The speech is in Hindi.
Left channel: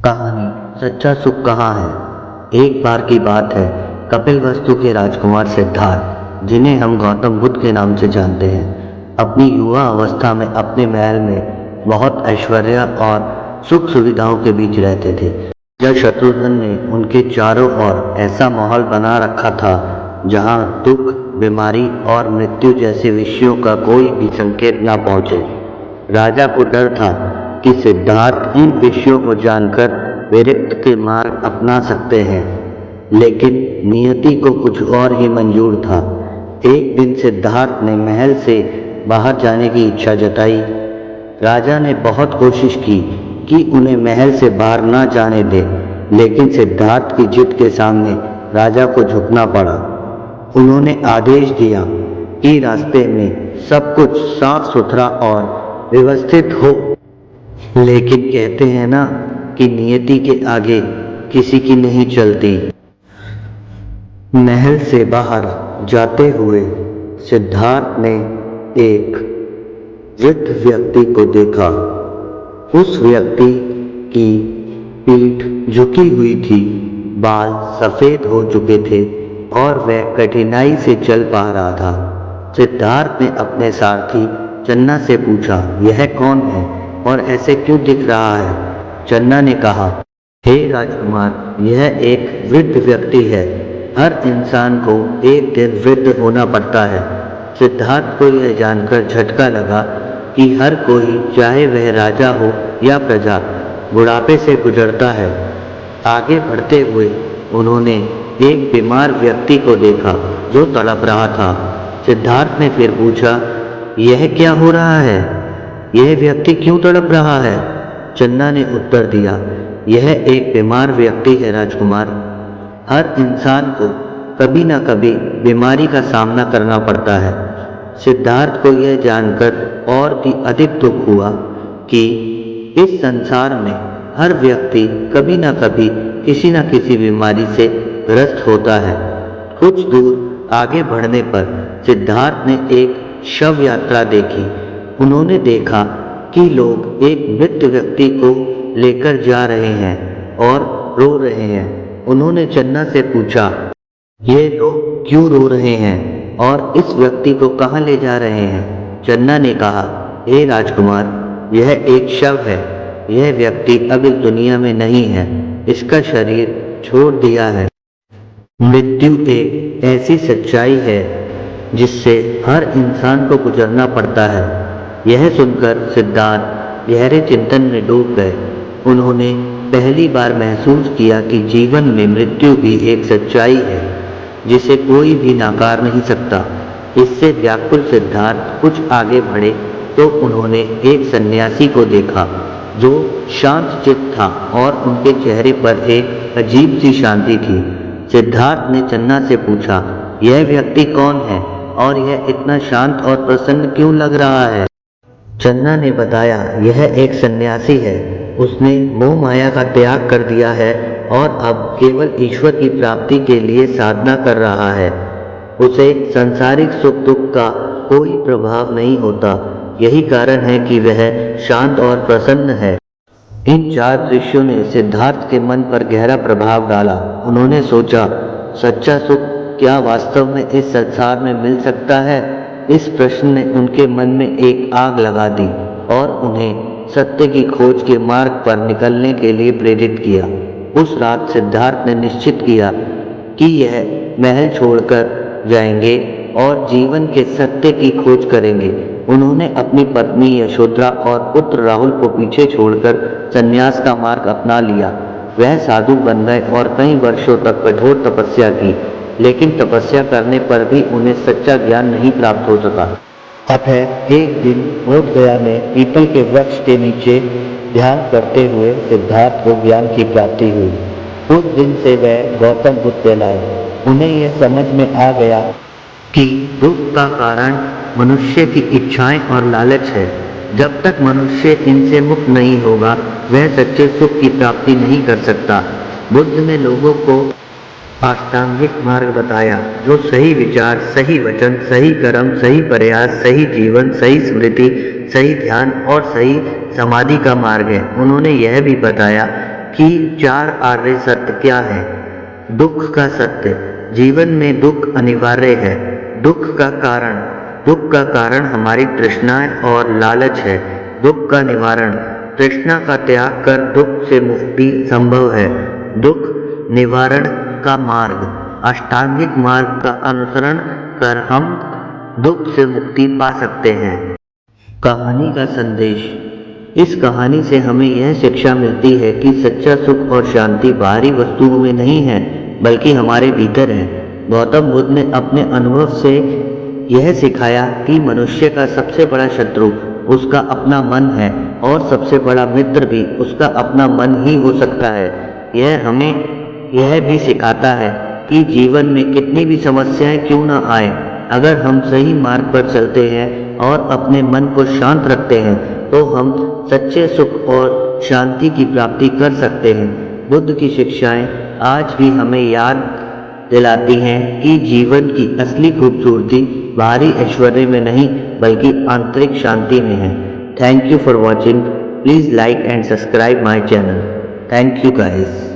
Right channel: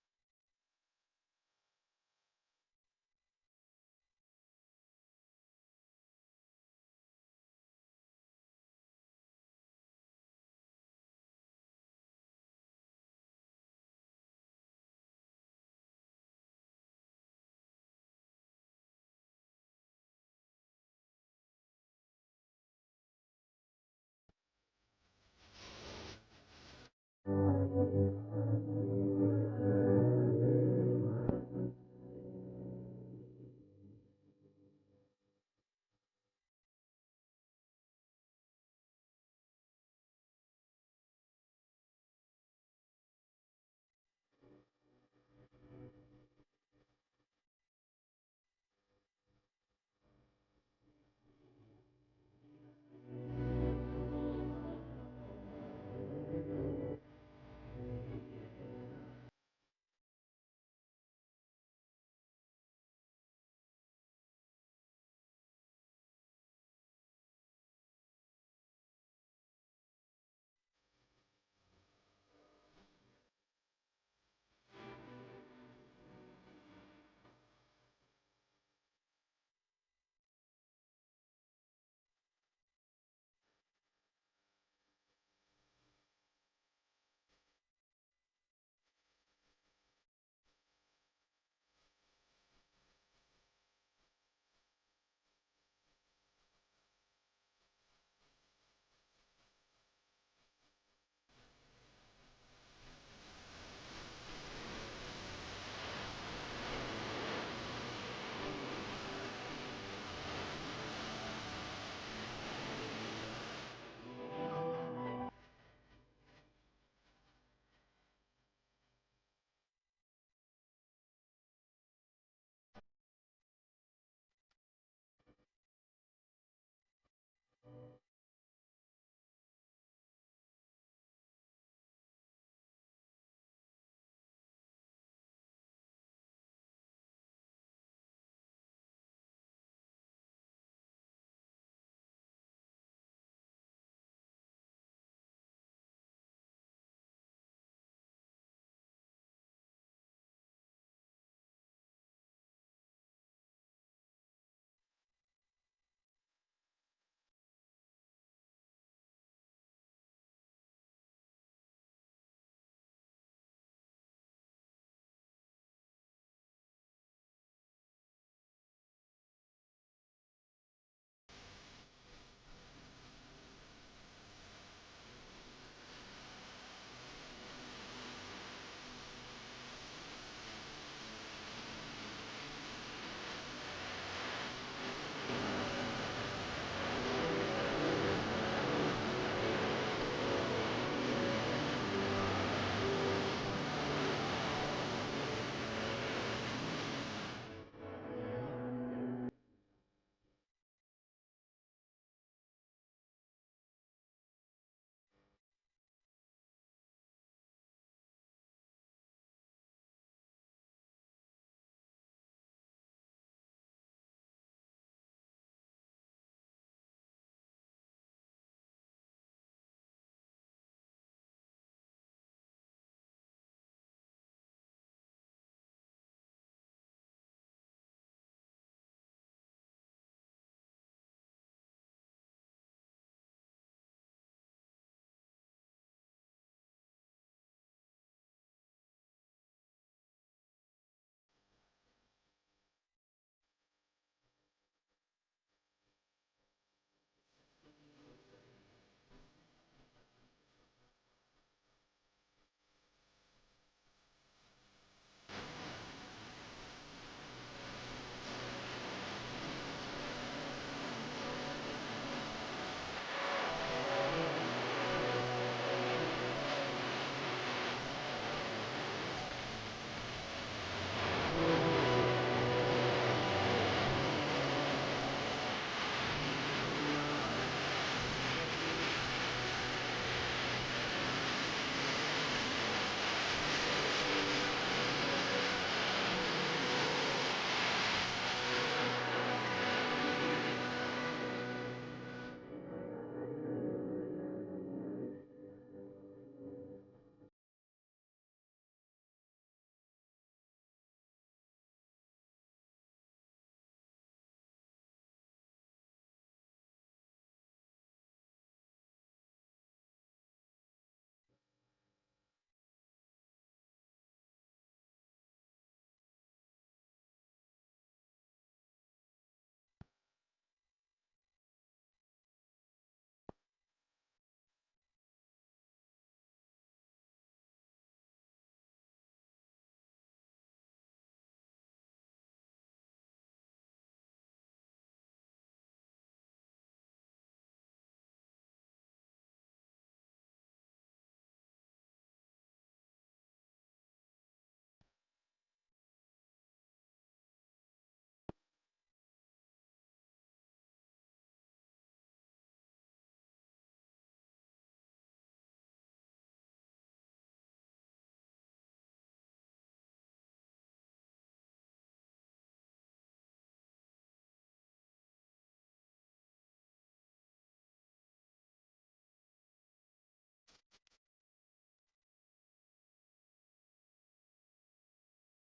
कहानी सच्चा सुख कहाँ है। एक बार की बात है, कपिलवस्तु के राजकुमार सिद्धार्थ, जिन्हें हम गौतम बुद्ध के नाम से जानते हैं, अपनी युवा अवस्था में अपने महल में बहुत ऐश्वर्य और सुख सुविधाओं के बीच रहते थे। राजा शत्रुघ्न ने उनके चारों ओर ऐसा माहौल बना रखा था जहाँ दुख, बीमारी और मृत्यु जैसे विषयों का कोई भी संकेत न पहुँचे। राजा को डर था कि सिद्धार्थ इन विषयों को जानकर विरक्त के मार्ग अपना सकते हैं, लेकिन नियति को कुछ और ही मंजूर था। एक दिन सिद्धार्थ ने महल से बाहर जाने की इच्छा जताई। राजा ने बहुत कोशिश की कि उन्हें महल से बाहर ना जाने दे, लेकिन सिद्धार्थ की जिद के सामने राजा को झुकना पड़ा। उन्होंने आदेश दिया कि रास्ते में सब कुछ साफ सुथरा और व्यवस्थित हो, लेकिन कहते हैं ना कि नियति के आगे किसी की नहीं चलती। महल से बाहर जाते हुए सिद्धार्थ ने एक वृद्ध व्यक्ति को देखा। उस व्यक्ति की पीठ झुकी हुई थी, बाल सफेद हो चुके थे और वह कठिनाई से चल पा रहा था। सिद्धार्थ ने अपने सारथी चन्ना से पूछा, यह कौन है और ऐसे क्यों दिख रहा है? चन्ना ने कहा, हे राजकुमार, यह एक वृद्ध व्यक्ति है। हर इंसान को एक दिन वृद्ध होना पड़ता है। सिद्धार्थ को यह जानकर झटका लगा कि हर कोई, चाहे वह राजा हो या प्रजा, बुढ़ापे से गुजरता है। आगे बढ़ते हुए उन्होंने एक बीमार व्यक्ति को देखा जो तड़प रहा था। सिद्धार्थ ने फिर पूछा, यह क्या हो रहा है? यह व्यक्ति क्यों तड़प रहा है? चन्ना ने उत्तर दिया, यह एक बीमार व्यक्ति है राजकुमार। हर इंसान को कभी न कभी बीमारी का सामना करना पड़ता है। सिद्धार्थ को यह जानकर और भी अधिक दुख हुआ कि इस संसार में हर व्यक्ति कभी न कभी किसी न किसी बीमारी से ग्रस्त होता है। कुछ दूर आगे बढ़ने पर सिद्धार्थ ने एक शव यात्रा देखी। उन्होंने देखा कि लोग एक मृत व्यक्ति को लेकर जा रहे हैं और रो रहे हैं। उन्होंने चन्ना से पूछा, ये लोग क्यों रो रहे हैं और इस व्यक्ति को कहाँ ले जा रहे हैं? चन्ना ने कहा, हे राजकुमार, यह एक शव है। यह व्यक्ति अब इस दुनिया में नहीं है, इसका शरीर छोड़ दिया है। मृत्यु एक ऐसी सच्चाई है जिससे हर इंसान को गुजरना पड़ता है। यह सुनकर सिद्धार्थ गहरे चिंतन में डूब गए। उन्होंने पहली बार महसूस किया कि जीवन में मृत्यु भी एक सच्चाई है जिसे कोई भी नकार नहीं सकता। इससे व्याकुल सिद्धार्थ कुछ आगे बढ़े तो उन्होंने एक सन्यासी को देखा जो शांत चित्त था और उनके चेहरे पर एक अजीब सी शांति थी। सिद्धार्थ ने चन्ना से पूछा, यह व्यक्ति कौन है और यह इतना शांत और प्रसन्न क्यों लग रहा है? चन्ना ने बताया, यह एक सन्यासी है। उसने मोह माया का त्याग कर दिया है और अब केवल ईश्वर की प्राप्ति के लिए साधना कर रहा है। उसे सांसारिक सुख दुख का कोई प्रभाव नहीं होता। यही कारण है कि वह शांत और प्रसन्न है। इन चार दृश्यों ने सिद्धार्थ के मन पर गहरा प्रभाव डाला। उन्होंने सोचा, सच्चा सुख क्या वास्तव में इस संसार में मिल सकता है? इस प्रश्न ने उनके मन में एक आग लगा दी और उन्हें सत्य की खोज के मार्ग पर निकलने के लिए प्रेरित किया। उस रात सिद्धार्थ ने निश्चित किया कि यह महल छोड़कर जाएंगे और जीवन के सत्य की खोज करेंगे। उन्होंने अपनी पत्नी यशोधरा और पुत्र राहुल को पीछे छोड़कर संन्यास का मार्ग अपना लिया। वह साधु बन गए और कई वर्षों तक कठोर तपस्या की, लेकिन तपस्या करने पर भी उन्हें सच्चा ज्ञान नहीं प्राप्त हो सका। अतः एक दिन बोध गया में पीपल के वृक्ष के नीचे ध्यान करते हुए सिद्धार्थ को ज्ञान की प्राप्ति हुई। उस दिन से वह गौतम बुद्ध कहलाए। उन्हें यह समझ में आ गया कि दुख का कारण मनुष्य की इच्छाएं और लालच है। जब तक मनुष्य इनसे मुक्त नहीं होगा, वह सच्चे सुख की प्राप्ति नहीं कर सकता। बुद्ध ने लोगों को अष्टांगिक मार्ग बताया, जो सही विचार, सही वचन, सही कर्म, सही प्रयास, सही जीवन, सही स्मृति, सही ध्यान और सही समाधि का मार्ग है। उन्होंने यह भी बताया कि 4 आर्य सत्य क्या है। दुख का सत्य, जीवन में दुख अनिवार्य है। दुख का कारण हमारी तृष्णाएं और लालच है। दुख का निवारण, तृष्णा का त्याग कर दुख से मुक्ति संभव है। दुख निवारण का मार्ग, अष्टांगिक मार्ग का अनुसरण कर हम दुख से मुक्ति पा सकते हैं। कहानी का संदेश, इस कहानी से हमें यह शिक्षा मिलती है कि सच्चा सुख और शांति बाहरी वस्तुओं में नहीं है बल्कि हमारे भीतर है। गौतम बुद्ध ने अपने अनुभव से यह सिखाया कि मनुष्य का सबसे बड़ा शत्रु उसका अपना मन है और सबसे बड़ा मित्र भी उसका अपना मन ही हो सकता है। यह हमें यह भी सिखाता है कि जीवन में कितनी भी समस्याएं क्यों न आए, अगर हम सही मार्ग पर चलते हैं और अपने मन को शांत रखते हैं तो हम सच्चे सुख और शांति की प्राप्ति कर सकते हैं। बुद्ध की शिक्षाएं आज भी हमें याद दिलाती हैं कि जीवन की असली खूबसूरती बाहरी ऐश्वर्य में नहीं बल्कि आंतरिक शांति में है। Thank you for watching. Please like and subscribe my channel. Thank you guys.